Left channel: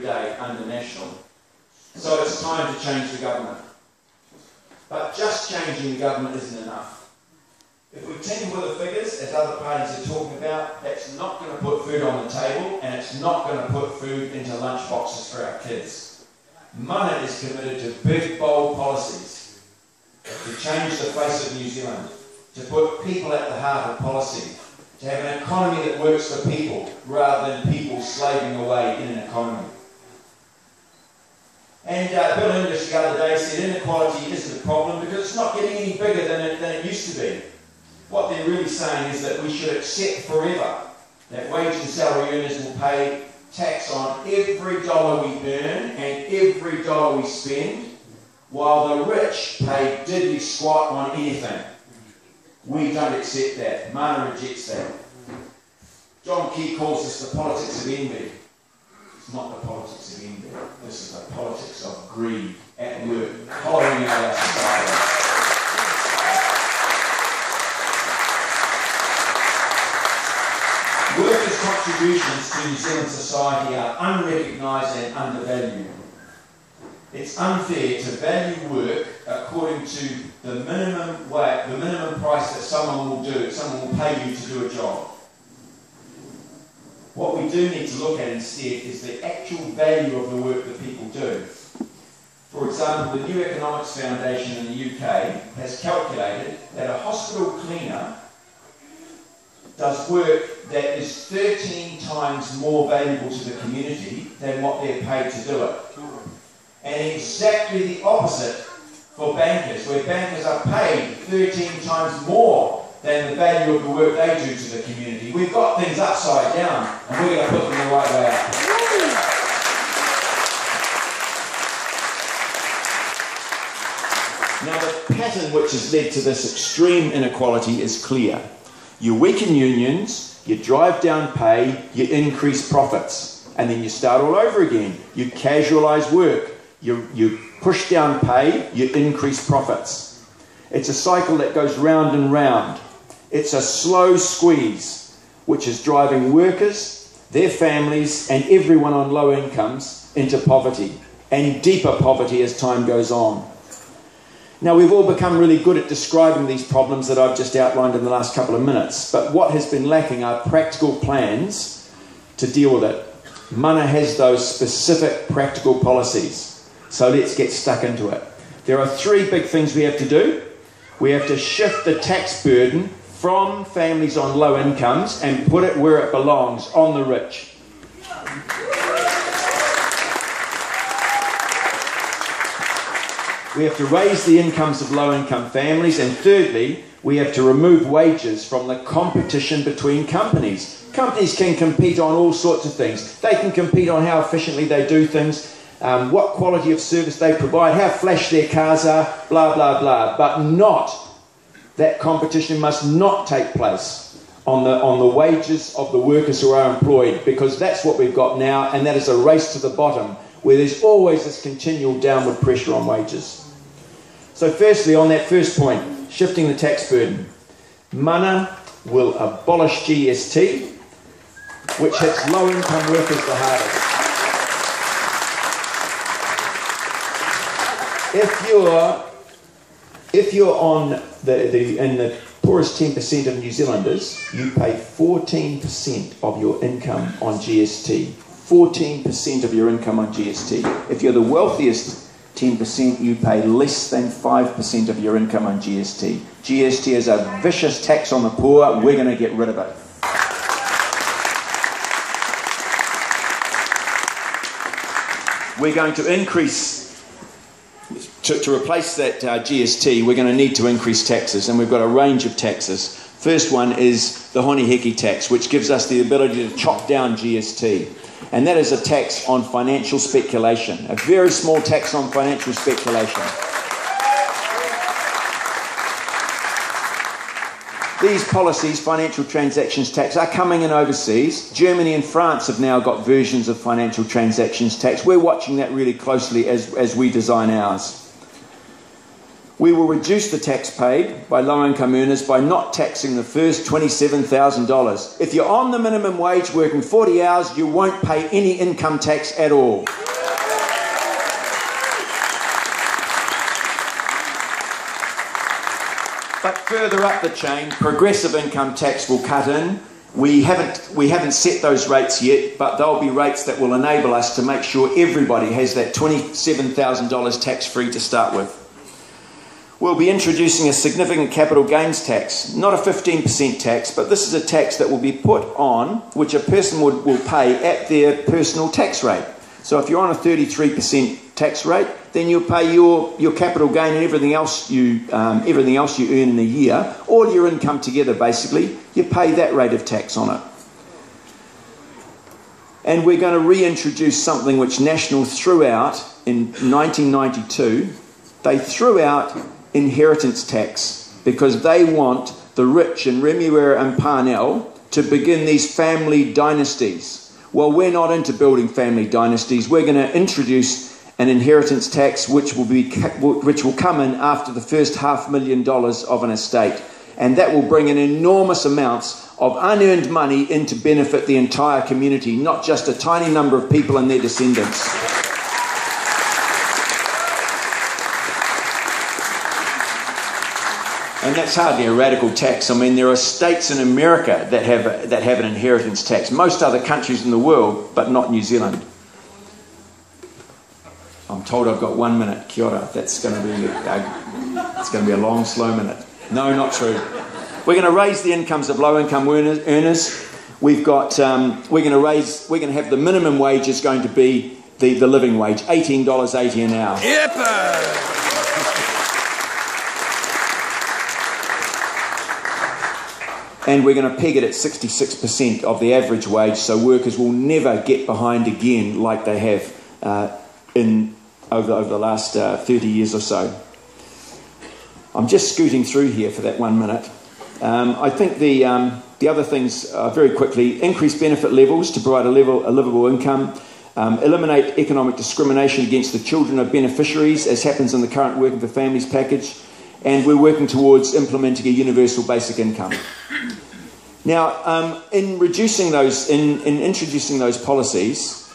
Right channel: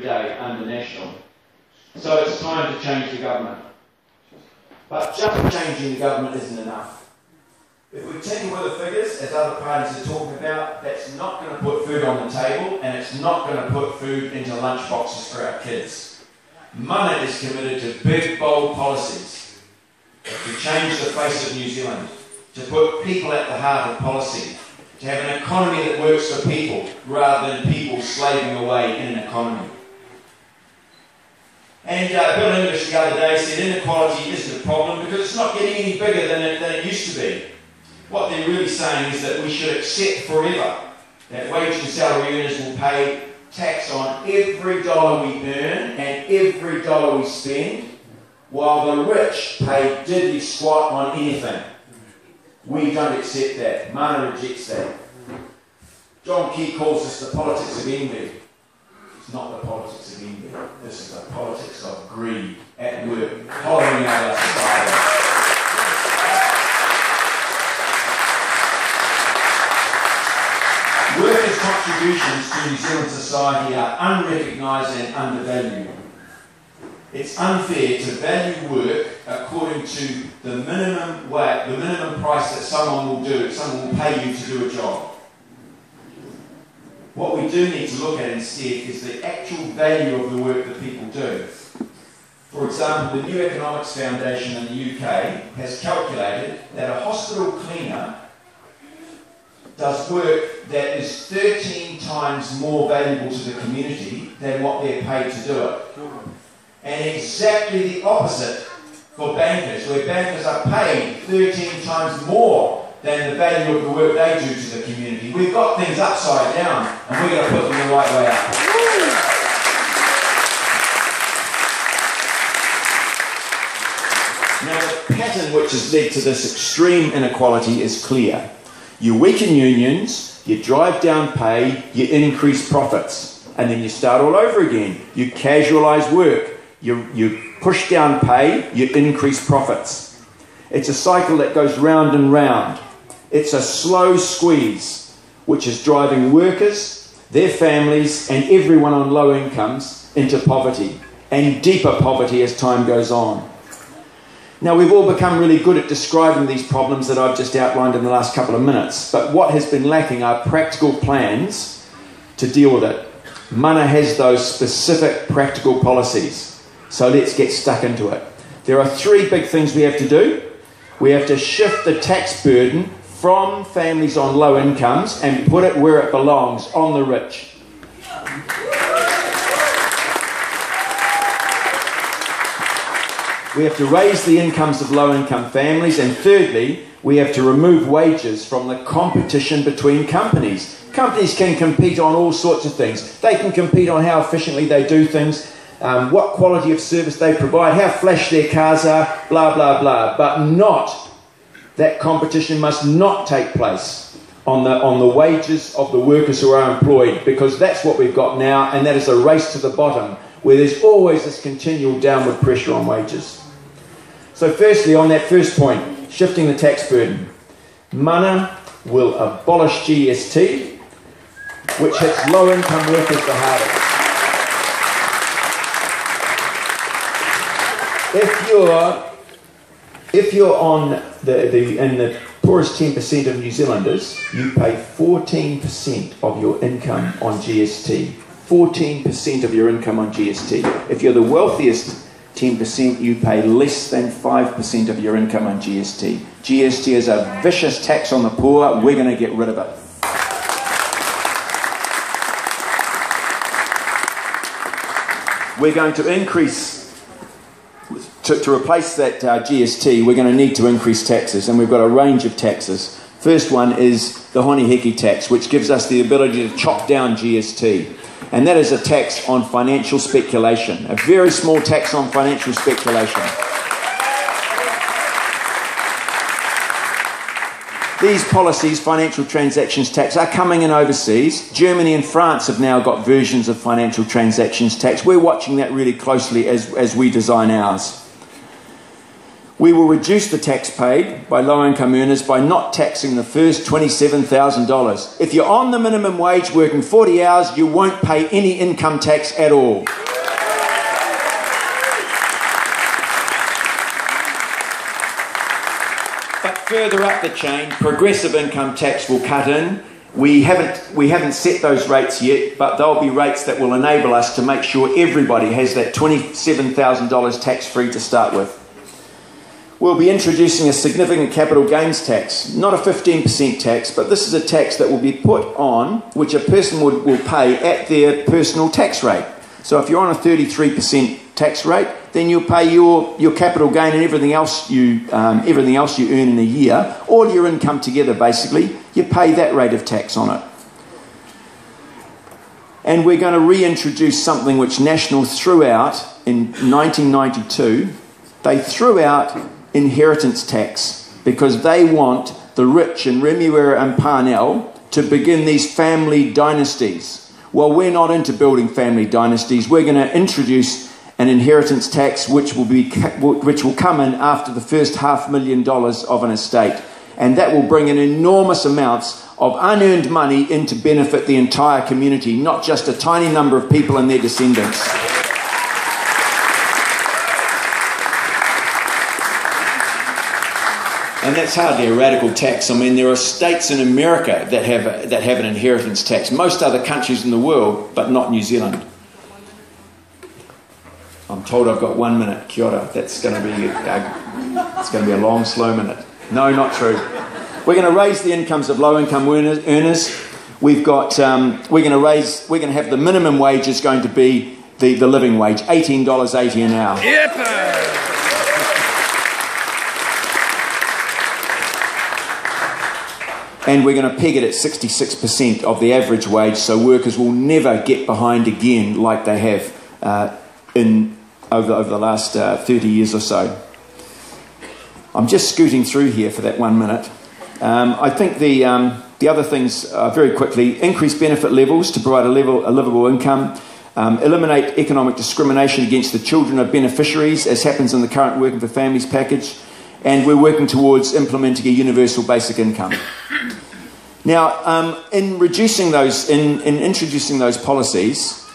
day under National. So it's time to change the government. But just changing the government isn't enough. If we tinker with the figures, as other parties are talking about, that's not going to put food on the table, and it's not going to put food into lunch boxes for our kids. Mana is committed to big, bold policies to change the face of New Zealand, to put people at the heart of policy, to have an economy that works for people, rather than people slaving away in an economy. And Bill English the other day said inequality isn't a problem because it's not getting any bigger than it used to be. What they're really saying is that we should accept forever that wage and salary earners will pay tax on every dollar we earn and every dollar we spend, while the rich pay diddly squat on anything. We don't accept that. Mana rejects that. John Key calls this the politics of envy. It's not the politics of envy. This is the politics of greed at work, hollowing out our society. Workers' contributions to New Zealand society are unrecognised and undervalued. It's unfair to value work according to the minimum price that someone will pay you to do a job. What we do need to look at instead is the actual value of the work that people do. For example, the New Economics Foundation in the UK has calculated that a hospital cleaner does work that is 13 times more valuable to the community than what they're paid to do it. And exactly the opposite for bankers, where bankers are paid 13 times more than the value of the work they do to the community. We've got things upside down, and we're going to put them the right way up. Now, the pattern which has led to this extreme inequality is clear. You weaken unions, you drive down pay, you increase profits, and then you start all over again. You casualise work, you push down pay, you increase profits. It's a cycle that goes round and round. It's a slow squeeze, which is driving workers, their families, and everyone on low incomes into poverty, and deeper poverty as time goes on. Now, we've all become really good at describing these problems that I've just outlined in the last couple of minutes, but what has been lacking are practical plans to deal with it. Mana has those specific practical policies, so let's get stuck into it. There are three big things we have to do. We have to shift the tax burden from families on low incomes and put it where it belongs, on the rich. We have to raise the incomes of low-income families, and thirdly, we have to remove wages from the competition between companies. Companies can compete on all sorts of things. They can compete on how efficiently they do things, what quality of service they provide, how flash their cars are, blah, blah, blah. But that competition must not take place on the wages of the workers who are employed, because that's what we've got now, and that is a race to the bottom, where there's always this continual downward pressure on wages. So firstly, on that first point, shifting the tax burden, Mana will abolish GST, which hits low-income workers the hardest. If you're on in the poorest 10% of New Zealanders, you pay 14% of your income on GST. 14% of your income on GST. If you're the wealthiest 10%, you pay less than 5% of your income on GST. GST is a vicious tax on the poor. We're going to get rid of it. We're going to increase, to replace that GST, we're going to need to increase taxes, and we've got a range of taxes. First one is the honi heki tax, which gives us the ability to chop down GST. And that is a tax on financial speculation, a very small tax on financial speculation. These policies, financial transactions tax, are coming in overseas. Germany and France have now got versions of financial transactions tax. We're watching that really closely as we design ours. We will reduce the tax paid by low-income earners by not taxing the first $27,000. If you're on the minimum wage working 40 hours, you won't pay any income tax at all. But further up the chain, progressive income tax will cut in. We haven't set those rates yet, but they'll be rates that will enable us to make sure everybody has that $27,000 tax-free to start with. We'll be introducing a significant capital gains tax, not a 15% tax, but this is a tax that will be put on, which a person will pay at their personal tax rate. So if you're on a 33% tax rate, then you'll pay your capital gain and everything else you earn in a year, all your income together basically, you pay that rate of tax on it. And we're going to reintroduce something which National threw out in 1992. They threw out inheritance tax because they want the rich in Remuera and Parnell to begin these family dynasties. Well, we're not into building family dynasties. We're going to introduce an inheritance tax which will come in after the first $500,000 of an estate, and that will bring in enormous amounts of unearned money in to benefit the entire community, not just a tiny number of people and their descendants. And that's hardly a radical tax. I mean, there are states in America that have an inheritance tax. Most other countries in the world, but not New Zealand. I'm told I've got 1 minute. Kia ora. That's going to be a long, slow minute. No, not true. We're going to raise the incomes of low-income earners. We're going to have the minimum wage is going to be the living wage, $18.80 an hour. Yep. And we're going to peg it at 66% of the average wage, so workers will never get behind again like they have over the last 30 years or so. I'm just scooting through here for that 1 minute. I think the other things, very quickly, increase benefit levels to provide a livable income, eliminate economic discrimination against the children of beneficiaries, as happens in the current Working for Families package, and we're working towards implementing a universal basic income. Now, in introducing those policies,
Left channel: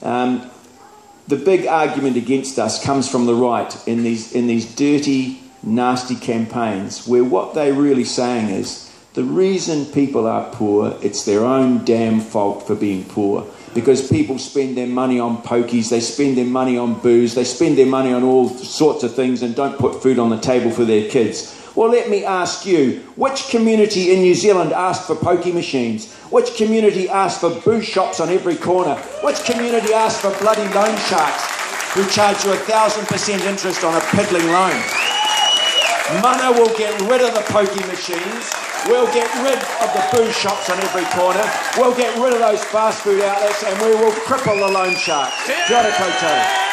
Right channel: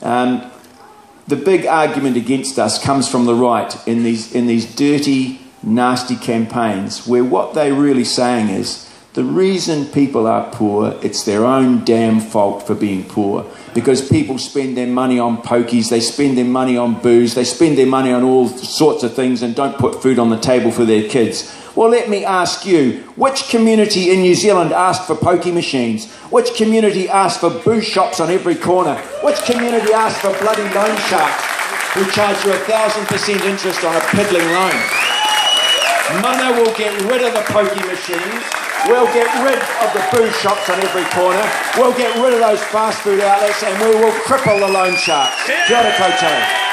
the big argument against us comes from the right in these dirty, nasty campaigns, where what they're really saying is the reason people are poor, it's their own damn fault for being poor. Because people spend their money on pokies, they spend their money on booze, they spend their money on all sorts of things and don't put food on the table for their kids. Well, let me ask you, which community in New Zealand asked for pokey machines? Which community asked for booze shops on every corner? Which community asked for bloody loan sharks who charge you 1,000% interest on a piddling loan? Mana will get rid of the pokey machines. We'll get rid of the booze shops on every corner. We'll get rid of those fast food outlets, and we will cripple the loan sharks. Kia ora koutou.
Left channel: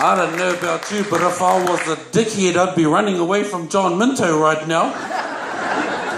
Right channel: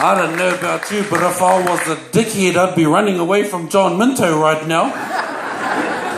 I don't know about you, but if I was a dickhead, I'd be running away from John Minto right now.